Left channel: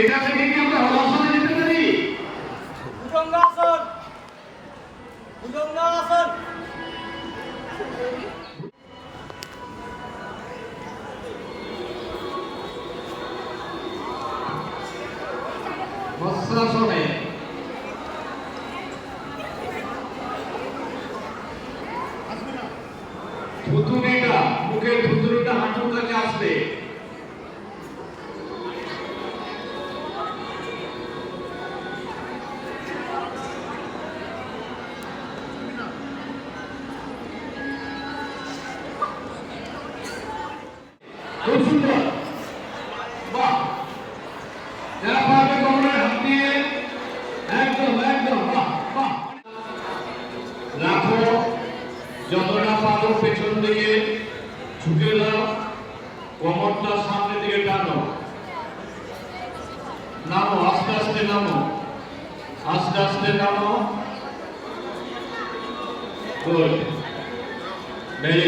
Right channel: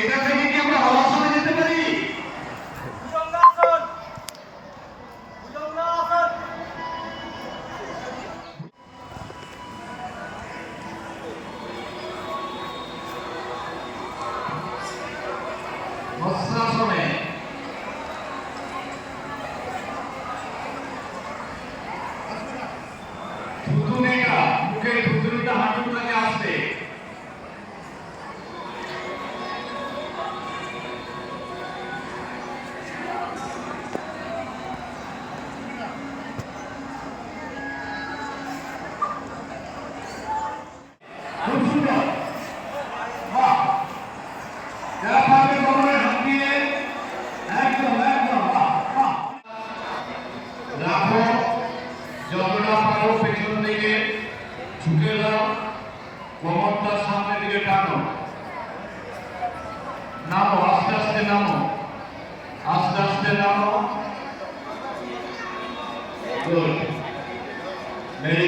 এটা থেকে কি আমরা হলাসনে যেতে পারি? ভুজঙ্গাসন বস্ত্রাসনে থুতুনিটা মুখে থুতুনিটা হাঁটুর কাছে আসবে। খুব সুন্দর, বাহ, এরকমভাবে কোমরে হাত দিয়ে একদম একদম বাহ বাহ রাখো। যতটা পারো পেছন দিকে ঝুঁকে দাও, কোমরটা সামনের দিকে টানো, নামো আস্তে আস্তে নামো, আস্তে আস্তে নামো। Good, very